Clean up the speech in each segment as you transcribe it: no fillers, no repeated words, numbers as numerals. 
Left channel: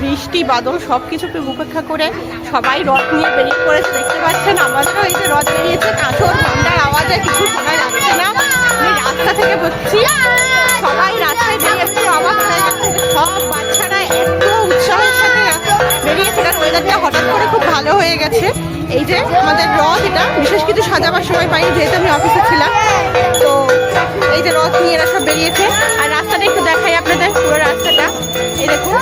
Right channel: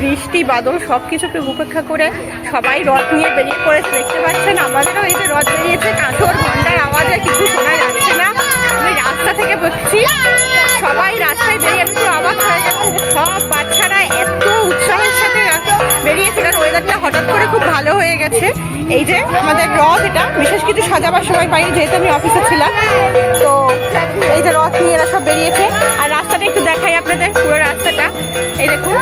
বৃষ্টি বাদল সব কিছুকে উপেক্ষা করে সবাই রথ নিয়ে বেরিয়ে পড়েছে। দেখতে পাচ্ছেন আমাদেরও এই যে রথ বেরিয়েছে, কাঁসর ঘন্টার আওয়াজে কিছু শোনা যাচ্ছে না। আমি রাস্তা থেকে বলছি, সবাই রাস্তায় বেরিয়ে একটু অবাক হয়ে গেছে। সব বাচ্চারা এত উৎসাহের সাথে বেরিয়েছে, কারণ ওয়েদারটা হঠাৎ করে খুব ভালো হয়ে গেছে। এই যে আমাদের রথ, এটা বিশেষ কিছু সাজাবার সময় পাইনি যেহেতু আমি অফিসে ছিলাম। তো এই যে রথ নিয়ে এরা সব বেরিয়েছে। আর রাস্তাটা একটু দেখাই আপনাদের, পুরো রাস্তাটা এই দেখুন।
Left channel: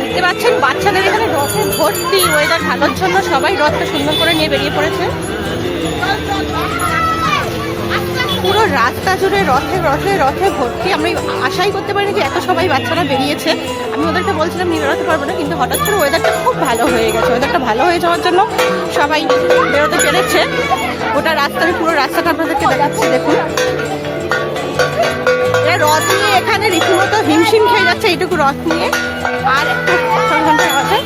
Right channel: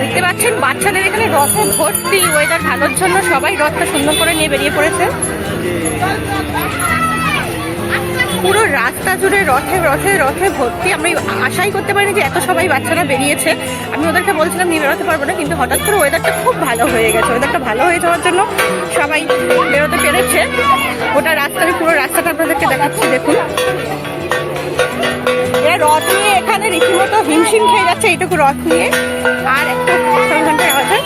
দেখতে পাচ্ছেন বাচ্চাদের এখানে রথে ভর্তি। ওয়েদার ভালোর জন্য সবাই রথটা সুন্দর করে নিয়ে বেরিয়ে পড়েছে। পুরো রাস্তা জুড়ে রথে রথে রথে ভর্তি। আমি আশাই করতে পারিনি যে এত সবাই বাচ্চারা বেরিয়েছে। আমি ওদেরকে বলছিলাম নিয়ে বেরোতে পারবো না, কিন্তু হঠাৎ করে ওয়েদারটা খুব ভালো হয়ে গেছে। ওয়েদারটা ভালো হয়ে যাওয়ার জন্য সবাই বেরোতে পেরেছে। ওটা রাস্তা, আমি পুরো রাস্তাটা আপনাদেরকে দেখাচ্ছি দেখুন। এরা রথ নিয়ে এখানে রীতিমতো হিমশিম খেয়ে যাচ্ছে এইটুকু রথ নিয়ে। আর একটু ঘন্টায় আওয়াজে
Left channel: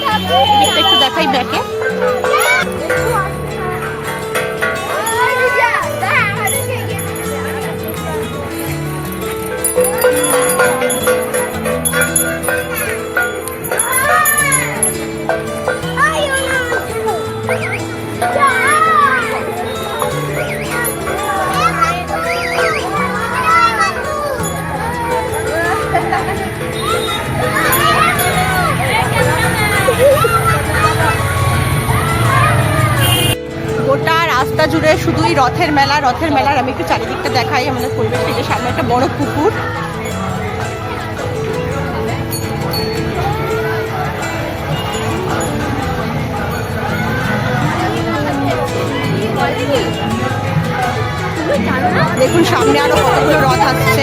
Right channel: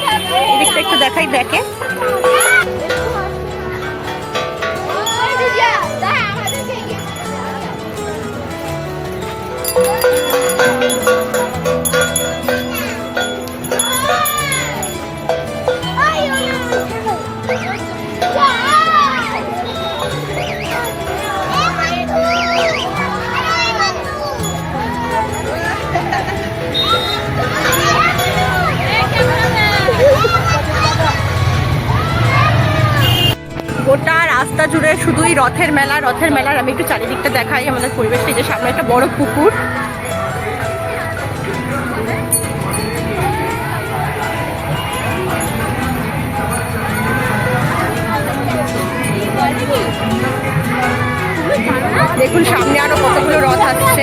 এদিকটা একটু দেখাই ব্যাকে। গোটা রাস্তা জুড়ে শুধুই রথের মেলা, রথের মেলার। আমি একটু চারিদিকটা দেখাই আমাদের পরিবেশ থেকে। সামনে একটা বড় পুকুর, দেখুন সামনে আরো কতগুলো রথ আসছে।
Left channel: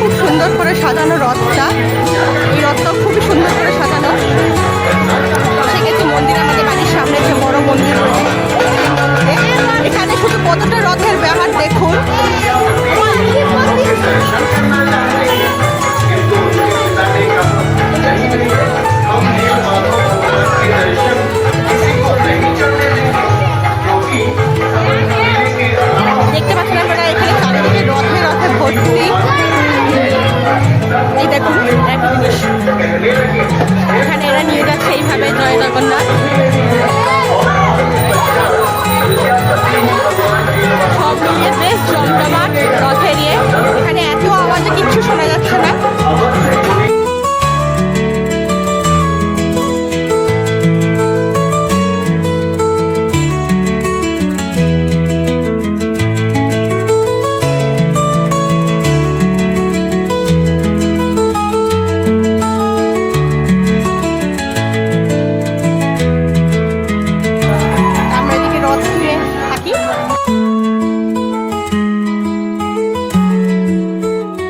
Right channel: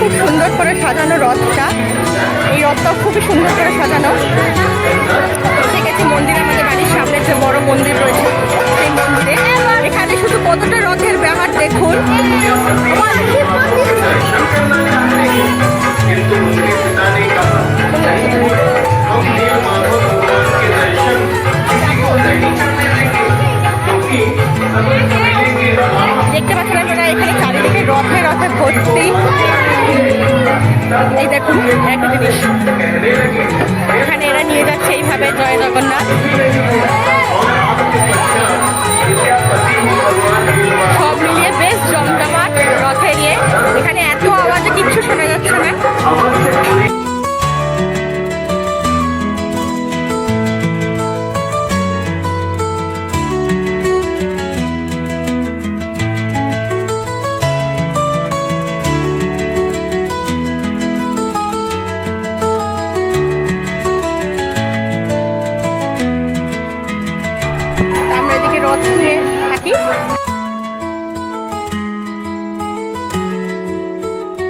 খুব সুন্দর করে সাজানো রথটা। এই রথটাও খুবই সুন্দর করে সাজানো। এসে গেছি মন্দিরে, আমাদের বাড়ির সামনে যে বড় মন্দির রয়েছে সেই মন্দিরে। এখানে শুধু কতটা রথের ব্যাপার দেখুন। দেখতে পাচ্ছেন আপনারা এখানে চারিদিকে রথে রথে ভর্তি। এই দেখুন একটা জিনিস, এখানে এরা নিয়ে যাচ্ছে এইভাবে জয় জগন্নাথ। সব মিলিয়ে বেশ জমজমাট রথে নিয়ে। এখানে এত আওয়াজে কিচ্ছু শোনা যাচ্ছে না। এদিকে রথ নিয়ে থাকি।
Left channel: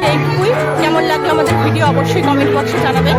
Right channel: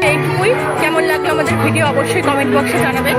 এইটুকুই। কেমন লাগলো আমাদের ভিডিও অবশ্যই কমেন্ট বক্সে জানাবেন।